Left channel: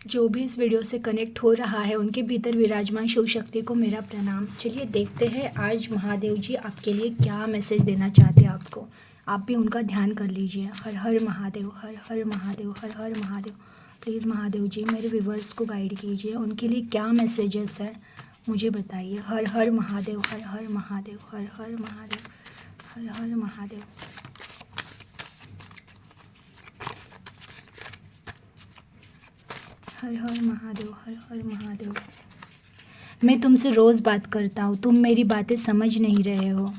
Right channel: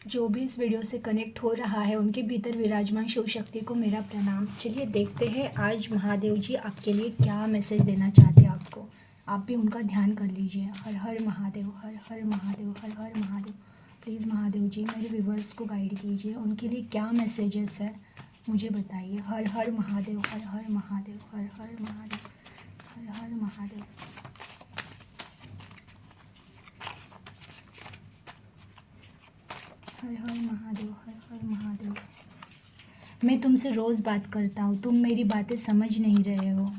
जो भी इस वीडियो से कनेक्ट हो रहा है उनके भीतर विराजमान शिव शक्ति को मेरा प्रणाम। चलिए देखते हैं आज महादेव जी आपके लिए क्या मैसेज देना चाहते हैं आपको। आप भी उनका ध्यान कर लीजिए। हर हर महादेव, हर हर महादेव, हर हर महादेव। प्लीज़ महादेव जी मेरे व्यूवर्स को गाइड कीजिए, उनके लिए क्या मैसेजेस है मुझे बताइए। हर हर महादेव, हर हर महादेव, हर हर महादेव, हर हर महादेव। हर हर महादेव, हर हर महादेव। मैं तुमसे रोज़ बात करता हूँ, तुम मेरी बातें समझ नहीं रहे हो।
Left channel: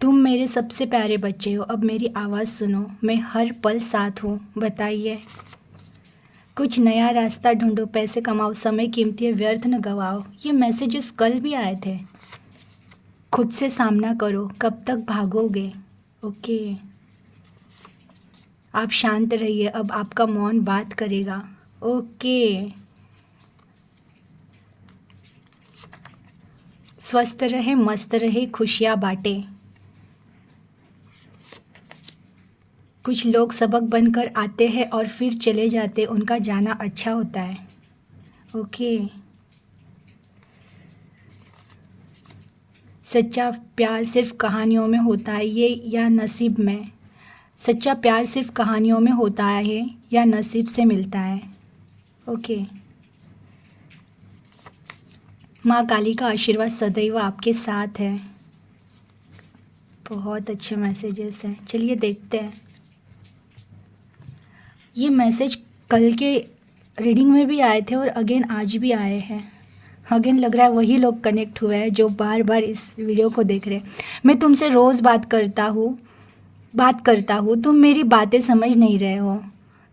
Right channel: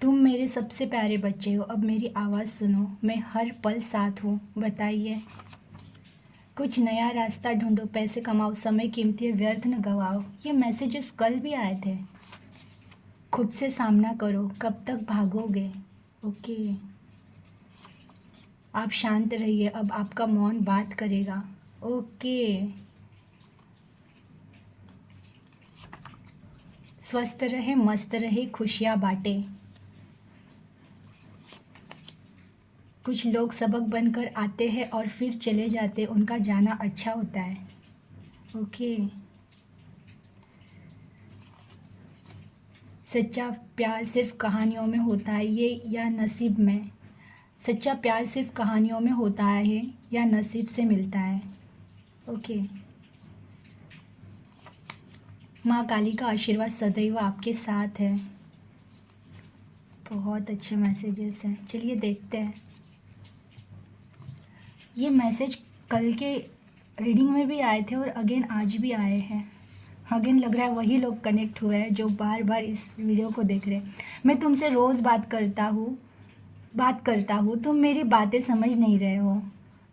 तुम मेरे सबसे प्यारे बच्चे हो, अब मेरी आवाज़ सुनो, मैं हर पल साथ हूँ। बताइए, कुछ नया रास्ता ढूंढो, पैसे कमाओ, समय कीमती है, व्यर्थ न गवाओ। ये मैसेजेस कल भी आए थे। खुद से सामना करो, कब तक भागोगे। ओके, आप शांत रहिए, अब आपका मौन बात करेगा। ओके, स्वस्थ रहे, मस्त रहे, खुशियाँ बांटे। कुछ लोग सबक बनकर आते हैं और फिर चले जाते, उनका जाना अच्छा होता है। ओके, सच्चा प्यार सिर्फ कहानियों में होता है ये या नसीब में। सच्चा प्यार सिर्फ कहानियों में होता है या नसीब से मिलता है। ओके, माँ काली का आशीर्वाद सदैव आपके साथ है। बहुत अच्छे मैसेजेस हैं। चलिए देखते हैं। ये मैसेज कल के रीडिंग में भी आए थे और अगेन आज भी आए हैं। अगेन लग रहा है वही लोग कनेक्ट हुए हैं जो बार बार इस वीडियो को देख रहे हैं। मैं तुमसे रोज़ बात करता हूँ, तुम मेरी बातें समझ नहीं रहे हो।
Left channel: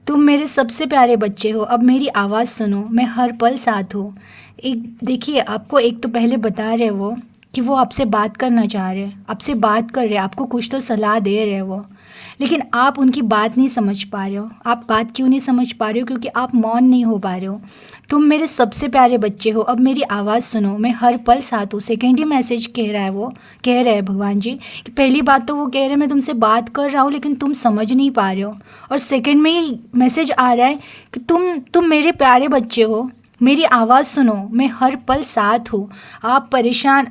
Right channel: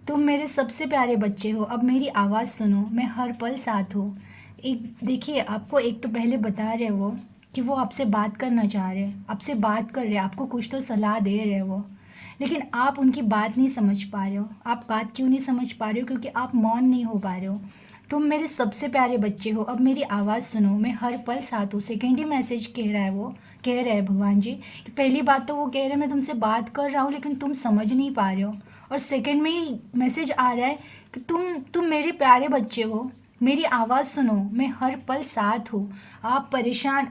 तुम मेरे सबसे प्यारे बच्चे हो, अब मेरी आवाज़ सुनो, मैं हर पल साथ हूँ। एक देखिए, आपको एक तो पहले बता रहे वो कि वो आपसे बात करना चाह रहे हैं, आपसे बात कर रहे हैं, आपको कुछ तो सलाह दे रहे हैं वो, लेकिन आप उनकी बात नहीं समझ पा रहे हो। आप बात क्यों नहीं समझ पा रहे हो? क्योंकि आप मौन नहीं हो पा रहे हो। तुम मेरे सबसे प्यारे बच्चे हो, अब मेरी आवाज़ सुनो, मैं हर पल साथ हूँ। सेकेंड ही मैसेज कह रहा है वो, कह रहे हैं भगवान जी कि पहली बात तो वो कह रहे हैं मैं तुमसे बात कर रहा हूँ लेकिन तुम समझ नहीं पा रहे हो, और सेकेंड में ही मैसेज आ रहा है कि तुम मेरे प्यारे बच्चे हो, मेरी आवाज़ सुनो, मैं हर पल साथ हूँ। आप परेशान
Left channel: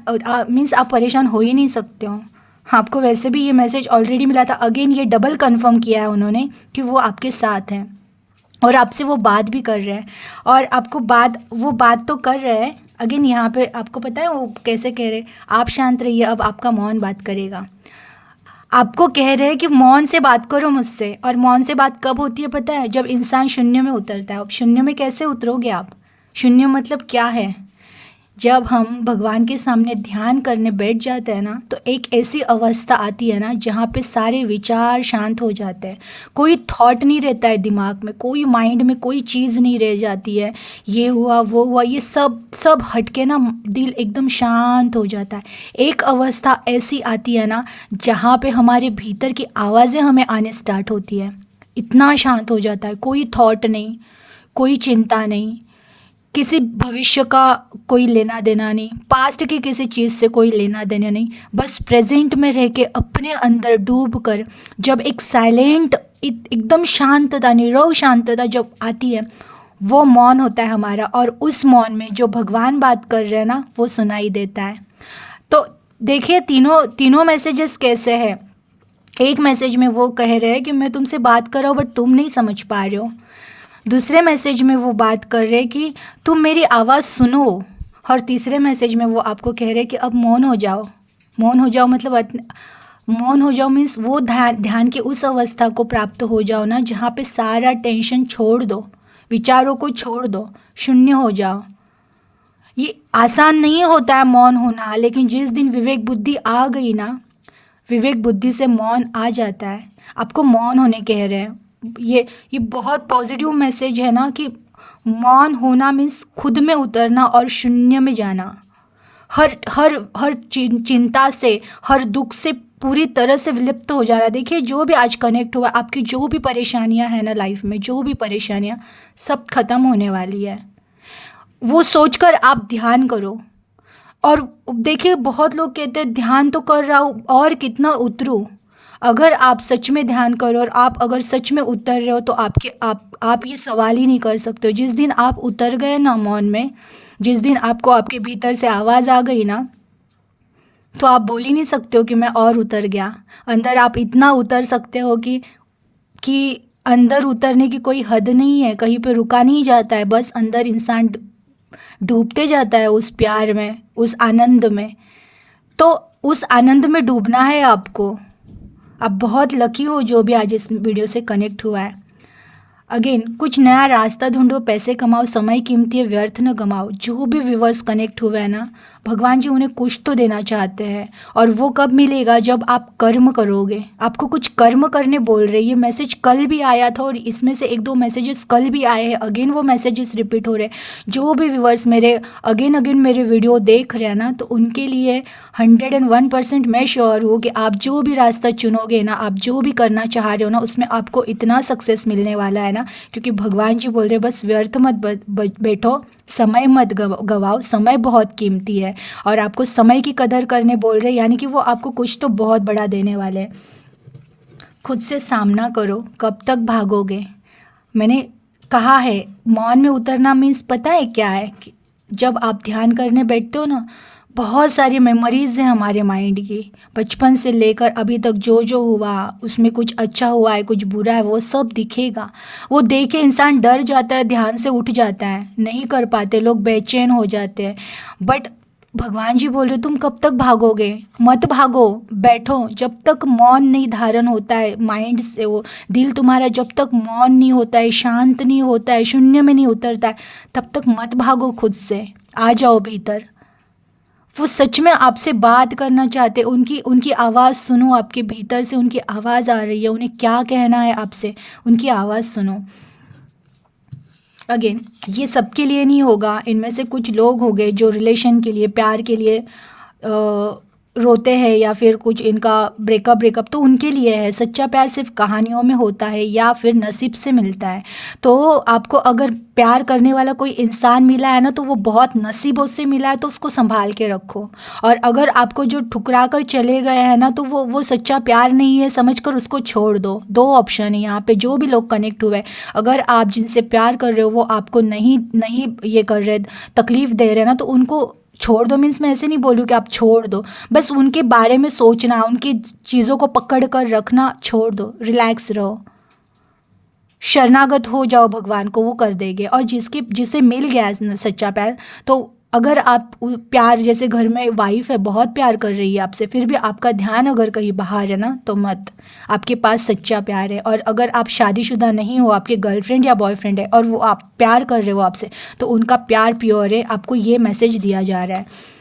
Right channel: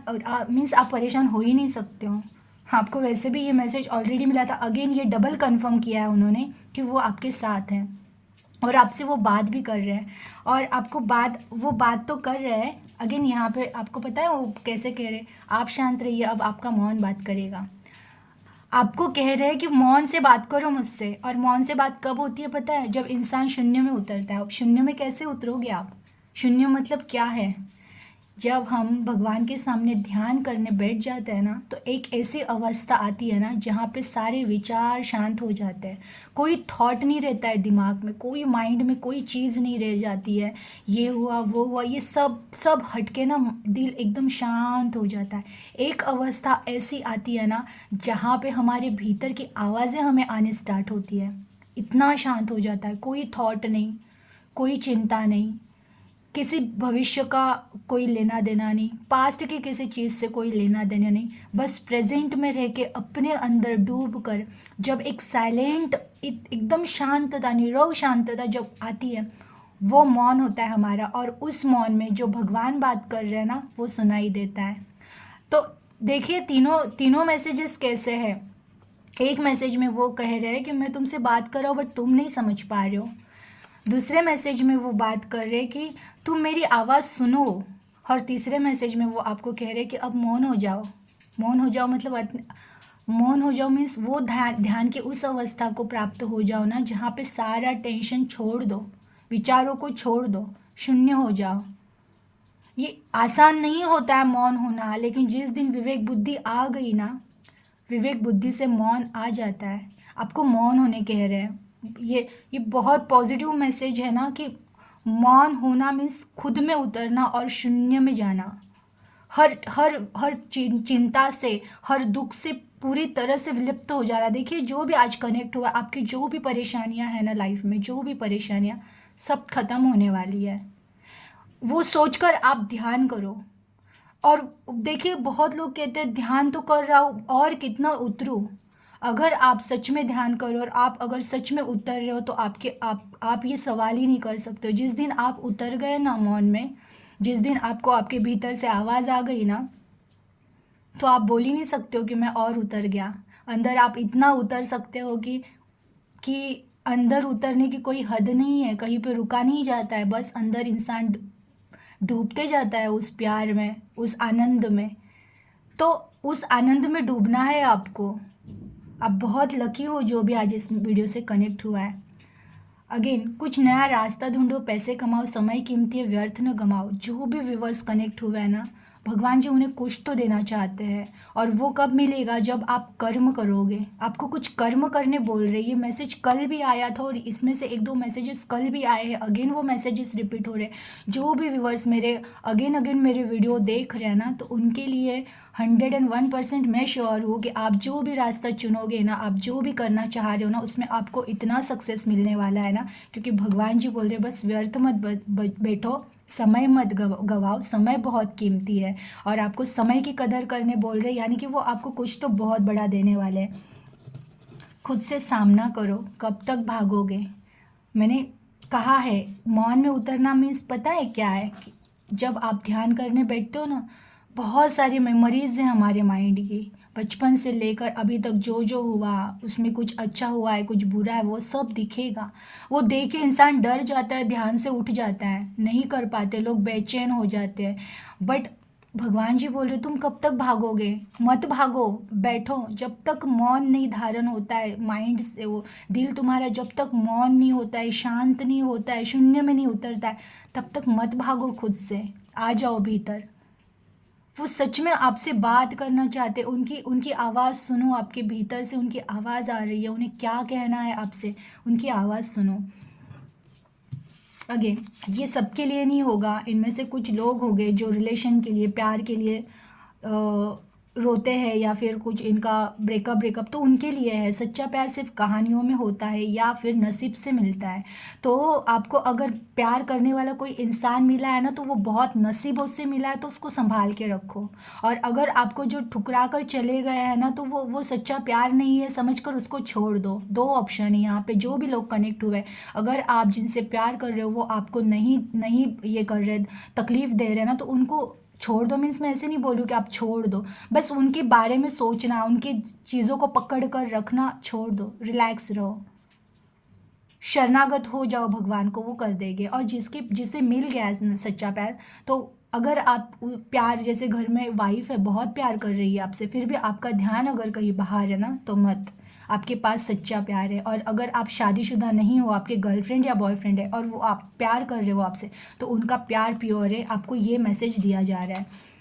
मीन्स आप परेशान हो ही नहीं सकते हो। आपको वैसे भी ये मैसेज ऑलरेडी मिला था। अगेन ये डबल कंफर्म किया है उन्होंने कि वो आपके साथ हैं और आपसे वो बात भी कर रहे हैं, और आपको वो बात तो कर रहे हैं। अगेन यहाँ पे आपको पता है वो कैसे कह रहे हैं, आप शांत रहिए, अब आपका मौन बात करेगा। आपको कह रहे हैं कि मौन से बात करो मुझसे, और मौन से बात कब होती है पता है? जब इंसान शून्य में उतरता है। अब शून्य में कैसे उतरोगे आप? शून्य मतलब क्या है? जब हम भगवान के सामने ध्यान करने बैठ जाते हैं ना, तो एक ऐसी अवस्था आती है ना जहाँ पे सारे विचार शांत हो जाते हैं। कोई थॉट नहीं रहता है दिमाग में, कोई माइंड में कोई चीज़ नहीं रह जाती है, ये हुआ वो हुआ, ये सब सब हट के ना दिल एकदम शांत हो जाता है। एक अवस्था ऐसी आती है ना जहाँ पे हमारे भीतर की आवाज़ें हमें आने स्टार्ट होती है। इतना शांत हो जाता है, कोई थॉट नहीं, कोई चिंता नहीं, किसी भविष्य का कोई लेना देना नहीं, पास्ट की किसी चीज़ से कोई लेना देना नहीं, बस प्रेजेंट में रह के अपने अंदर डूब कर जब एक साइलेंट एकदम शांतता, नीरव शांतता जब आती है, वो मौन होता है हमारा, और उस मौन में जो भगवान बात कर रहे हैं ना वो सुनाई देता है। तो देखिए तीनों तीनों मैसेजेस कैसे हैं। एक मैसेज में वो कह रहे हैं कि मैं तुमसे बात कर रहा हूँ बट तुम नहीं समझ पा रहे हो। दूसरे मैसेज में वो बात कर रहे हैं कि तुम मेरी आवाज़ सुनो, और तीसरे मैसेज में वो आपको कह रहे हैं कि अब मौन हो जाओ। मौन हो जाओ मतलब मौन हो जाओ मीन्स वो ध्यान की उस अवस्था को प्राप्त हो जाओ ना जहाँ पे सारा टेंशन छोड़ दो, विचारों को छोड़ दो, शून्य हो जाओ। ये आसान नहीं होता है मौन होना, लेकिन जिस दिन विवेक बुद्धि आ गई ना, विवेक बुद्धि से मौन आ जाता है। आपको मौन होने कह रहे हैं। ये बहुत पॉजिटिव मैसेज है ना कि मौन होना मीन्स खुद में उतरना और शून्य में जाना। हर हर हर चिंता से, हर दुख से पूरी तरह से विलुप्त हो जाना। देखिए जो भी आज कनेक्ट हुआ, आपकी जो भी परेशानियां हैं ना लाइफ में, जो भी परेशानियां, सब खत्म होने वाली है। वो सोचकर आप ध्यान करो। और देखिए बहुत लोग कहते हैं ध्यान तो कर रहा हूँ और कितना उतरूँ। अगर आप सच में ध्यान करो और आप अगर सच में उतर रहे हो तो आप ये सवाल ही नहीं कर सकते हो। जिस दिन आप उतर गए ना मौन में, जिस दिन आपको आपके भीतर से आवाज़ आ गई ना, तो आप बोल ही नहीं सकते हो कि मैं और उतर गया। अंदर आप इतना उतर सकते हो कि अंदर उतरने की कोई हद नहीं है, कहीं पे रुका नहीं जाता है, बस अंदर इंसान डूबते जाता है उस प्यार में, उस आनंद में। तो उस आनंद में डूबना है आपको। आप बहुत लकी हो जो भी आज इस वीडियो से कनेक्ट हुआ है। अगेन, कुछ नया रास्ता ढूंढो, पैसे कमाओ, समय कीमती है, व्यर्थ न गमाओ। जो भी व्यूवर्स कनेक्ट हुए हैं ना, भगवान जी उन्हें कुछ तो देना चाहते हैं, और वो कब मिलेगा? जब आप कर्म करोगे। आपको कुछ कर्म करने बोल रहे। ये मैसेज कल भी आया था और इसमें से 1-2 मैसेजेस कल भी आए हैं। अगेन वो मैसेजेस रिपीट हो रहे हैं। जो भी व्यूवर्स मेरे अगेन मेरे वीडियो देख रहे हैं ना, तो उनके लिए 101% मैं श्योर हूँ कि आप जो भी रास्ता चुनोगे ना, आप जो भी करना चाह रहे हो ना, उसमें आपको इतना सक्सेस मिलने वाला है ना, क्योंकि भगवान जी बोल रहे बस व्यर्थ मत बैठो, समय मत गवाओ। समय बहुत कीमती है और आपको समय की कदर करने बोल रहे, यानी कि वो आपको कुछ तो बहुत बड़ा देने वाले हैं। खुद से सामना करो, कब तक भागोगे? मैंने कहा है, मौन में उतरना मीन्स पता है क्या है? कि जब आप ध्यान करने बैठते हो ना, बहुत सारी मेमोरीज़ हैं हमारे माइंड की, बचपन से लेकर अभी तक जो जो हुआ, उसमें कुछ अच्छा हुआ है, कुछ बुरा है, वो सब दिखेगा। वो देख के इंसान डर जाता है, ध्यान से उठ जाता है, नहीं कर पाते, लोग बेचैन हो जाते हैं। बट भगवान जी बोल रहे तुम कब तक भागोगे? मत भागो, बैठो। जब तक मौन नहीं धारण होता है माइंड से, वो दिल तुम्हारा जब तक मौन नहीं होता है, शांत नहीं होता है, शून्य में नहीं उतरता है, तब तक मत भागो। खुद से आ जाओ भीतर। वो सच में आपसे बात करना चाहते, उनकी आवाज़ सुनो। आपके भीतर से उनकी आवाज़ आ रही है, उन्हें क्या कहना है आपसे, उनकी आवाज़ सुनो। अगेन, ये सबके लिए नहीं होगा। इनमें से कुछ लोग हो गए जो रिलेशन के लिए, प्यार के लिए रोते हैं, या फिर कुछ इनका ब्रेकअप तो उनके लिए है। सच्चा प्यार सिर्फ कहानियों में होता है या फिर नसीब से मिलता है। तो आपको अगर प्यार करने वाला कोई इंसान मिला है ना, तो वो बहुत नसीबों से मिला है, तो उसको संभाल के रखो। और अगर आपको जो ठुकरा कर चले गए हैं ना, तो वो सच्चा प्यार नहीं है समझकर उसको छोड़ दो। 2 ऑप्शन है यहाँ पे। जो भी लोग कनेक्ट हुए, अगर आप जिनसे प्यार कर रहे हो वो आपको नहीं ये कर रहे, तकलीफ़ दे रहे हैं ना, तो उनको छोड़ दो। मीन्स मैं ऐसे नहीं बोलूँ कि आप छोड़ दो, बस उनके बारे में सोचना, उनकी चीज़ों को पकड़ कर रखना छोड़ दो। रिलैक्स रहो, शरणागत हो जाओ भगवान को, वो कर देंगे। और जिसे मिल गया है सच्चा प्यार, तो अगर आप प्यार, जैसे घर में वाइफ है बहुत प्यार कर रही है आपसे, फिर भी आपका ध्यान अगर कहीं बाहर है ना, तो मत। आपके पास सच्चा प्यार है। और अगर आप शादीशुदा नहीं हो, आपके गर्लफ्रेंड या बॉयफ्रेंड है और वो आप प्यार कर रहे हो आपसे, तो उनका प्यार प्योर है। आपको ये मैसेज दिया जा रहा है,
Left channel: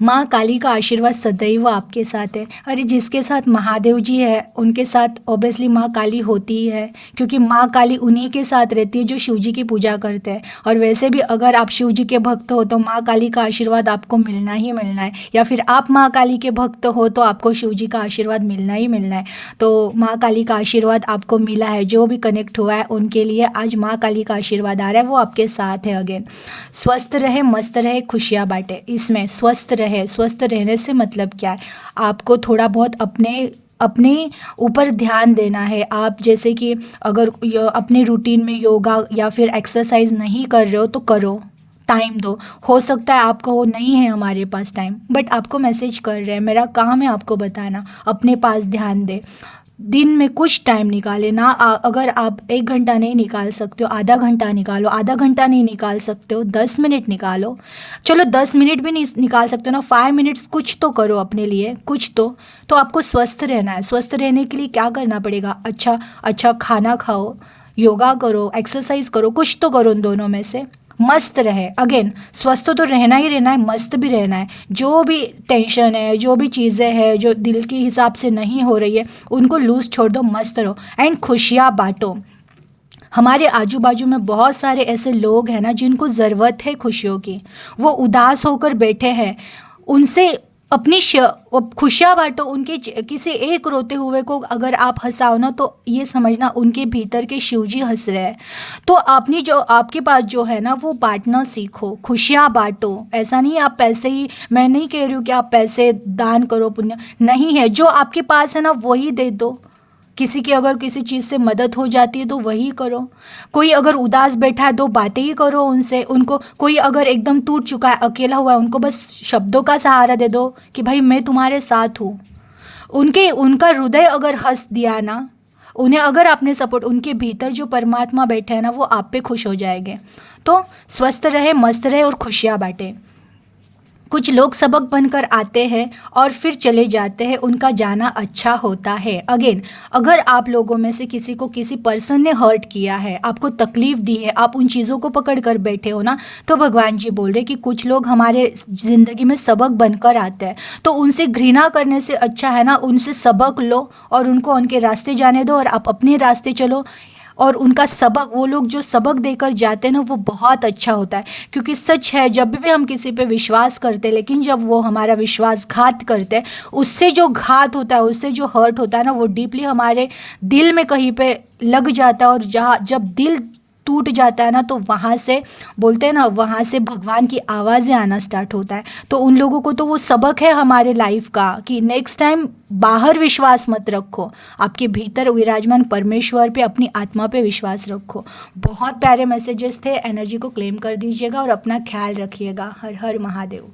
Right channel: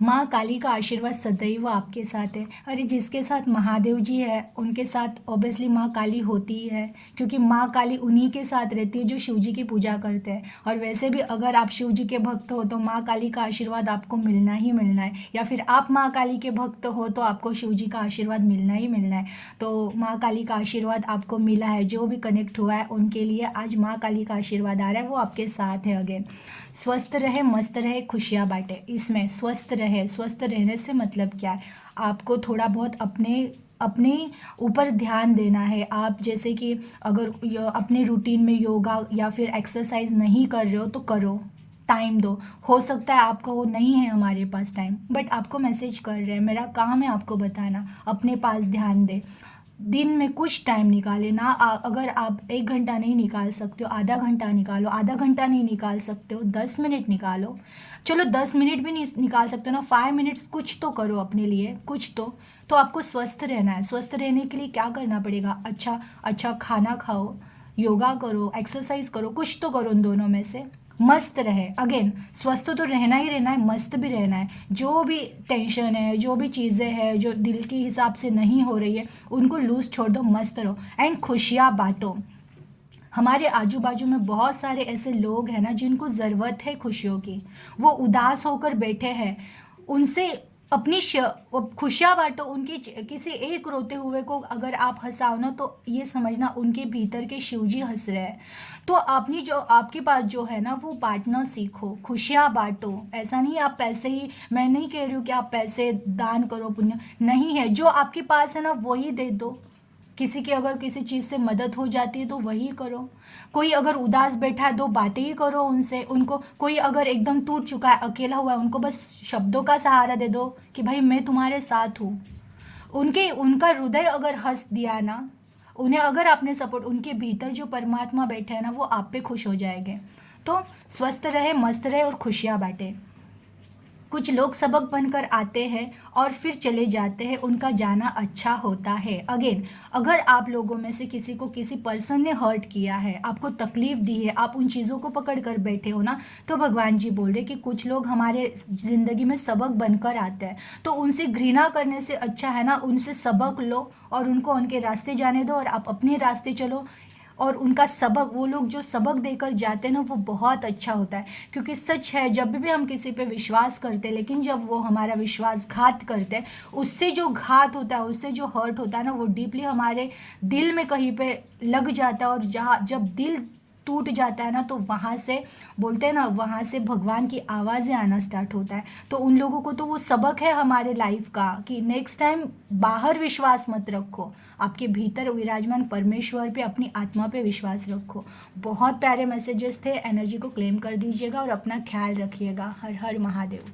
माँ काली का आशीर्वाद सदैव आपके साथ है। अरे जिसके साथ महादेव जी है उनके साथ ऑब्वियसली माँ काली होती ही है, क्योंकि माँ काली उन्हीं के साथ रहती है जो शिव जी की पूजा करते हैं। और वैसे भी अगर आप शिव जी के भक्त हो तो माँ काली का आशीर्वाद आपको मिलना ही मिलना है, या फिर आप माँ काली के भक्त हो तो आपको शिव जी का आशीर्वाद मिलना ही मिलना है। तो माँ काली का आशीर्वाद आपको मिला है। जो भी कनेक्ट हुआ है उनके लिए आज माँ काली का आशीर्वाद आ रहा है, वो आपके साथ है। अगेन, स्वस्थ रहे, मस्त रहे, खुशियाँ बांटे। इसमें स्वस्थ रहे, स्वस्थ रहने से मतलब क्या है? आपको थोड़ा बहुत अपने ऊपर ध्यान देना है। आप जैसे कि अगर अपने रूटीन में योगा या फिर एक्सरसाइज नहीं कर रहे हो तो करो, टाइम दो। हो सकता है आपको वो नहीं है हमारे पास टाइम, बट आपको मैसेज कर रहे हैं, मेरा काम है आपको बताना। अपने पास ध्यान दे, दिन में कुछ टाइम निकाले ना। अगर आप 1 घंटा नहीं निकाल सकते हो, आधा घंटा निकालो। आधा घंटा नहीं निकाल सकते हो, 10 मिनट निकालो। चलो 10 मिनट भी नहीं निकाल सकते हो ना, 5 मिनट्स कुछ तो करो अपने लिए, कुछ तो आपको स्वस्थ रहना है। स्वस्थ रहने के लिए क्या करना पड़ेगा? अच्छा खाना खाओ, योगा करो, एक्सरसाइज करो, कुछ तो करो उन दोनों में से। मस्त रहे। अगेन, स्वस्थ तो रहना ही रहना है, मस्त भी रहना है। जो भी टेंशन है, जो भी चीज़ें हैं जो दिल के हिसाब से नहीं हो रही है, उनको लूज छोड़ दो, मस्त रहो एंड खुशियाँ बांटो। हमारे आजू बाजू में बहुत सारे ऐसे लोग हैं ना जिनको ज़रूरत है खुशियों की, वो उदास होकर बैठे हैं। उनसे अपनी खुशियाँ बांटो। उनके किसी एक रोते हुए को अगर आप हंसाओ ना, तो ये समझना उनके भीतर के शिव जी हंस रहे हैं। तो आपने जो आपके पास जो है ना, वो बांटना सीखो, खुशियाँ बांटो। ऐसा नहीं आप पैसे ही, मैं नहीं कह रही हूँ कि आप पैसे दान करो, पुण्य नहीं है, जो आपके पास है ना वही दे दो। किसी की अगर किसी चीज़ से मदद हो जाती है तो वही करो। कोई अगर उदास बैठा है, दो बातें ही करो उनसे। उनको कोई अगर एकदम टूट चुका है, अकेला हुआ है, उनको बस शब्दों का सहारा दे दो कि भाई मैं तुम्हारे साथ हूँ। उनका हृदय अगर हंस दिया ना, उन्हें अगर आपने सपोर्ट, उनके भीतर जो परमात्मा बैठे हैं ना, वो आप पे खुश हो जाएंगे। तो स्वस्थ रहे, मस्त रहे और खुशियाँ बांटे। कुछ लोग सबक बनकर आते हैं और फिर चले जाते हैं, उनका जाना अच्छा होता है। अगेन, अगर आप लोगों में से किसी को किसी पर्सन ने हर्ट किया है, आपको तकलीफ दी है, आप उन चीज़ों को पकड़ कर बैठे हो ना, तो भगवान जी बोल रहे कि कुछ लोग हमारे ज़िंदगी में सबक बनकर आते हैं। तो उनसे घृणा करने से अच्छा है ना, उनसे सबक लो और उनको उनके रास्ते जाने दो और आप अपने रास्ते चलो। और उनका सबक, वो लोग जो सबक देकर जाते हैं ना, वो बहुत अच्छा होता है। क्योंकि सच है, जब भी हम किसी पे विश्वास करते हैं, लेकिन जब वो हमारा विश्वासघात करते हैं, उससे जो घात होता है, उससे जो हर्ट होता है ना, वो डीपली हमारे दिल में कहीं पे लग जाता है। और जहाँ जब दिल टूट जाता है ना, तो वहाँ से बोलते हैं ना, वहाँ से भगवान की आवाज़ें आना स्टार्ट होता है। तो उन लोगों को तो वो सबक है हमारे लाइफ का कि नेक्स्ट टाइम बाहर विश्वास मत रखो, आपके भीतर विराजमान परमेश्वर पे, अपनी आत्मा पे विश्वास रखो। बहुत प्यारे मैसेजेस थे, एनर्जी को क्लेम कर दीजिएगा और अपना ख्याल रखिएगा। हर हर महादेव।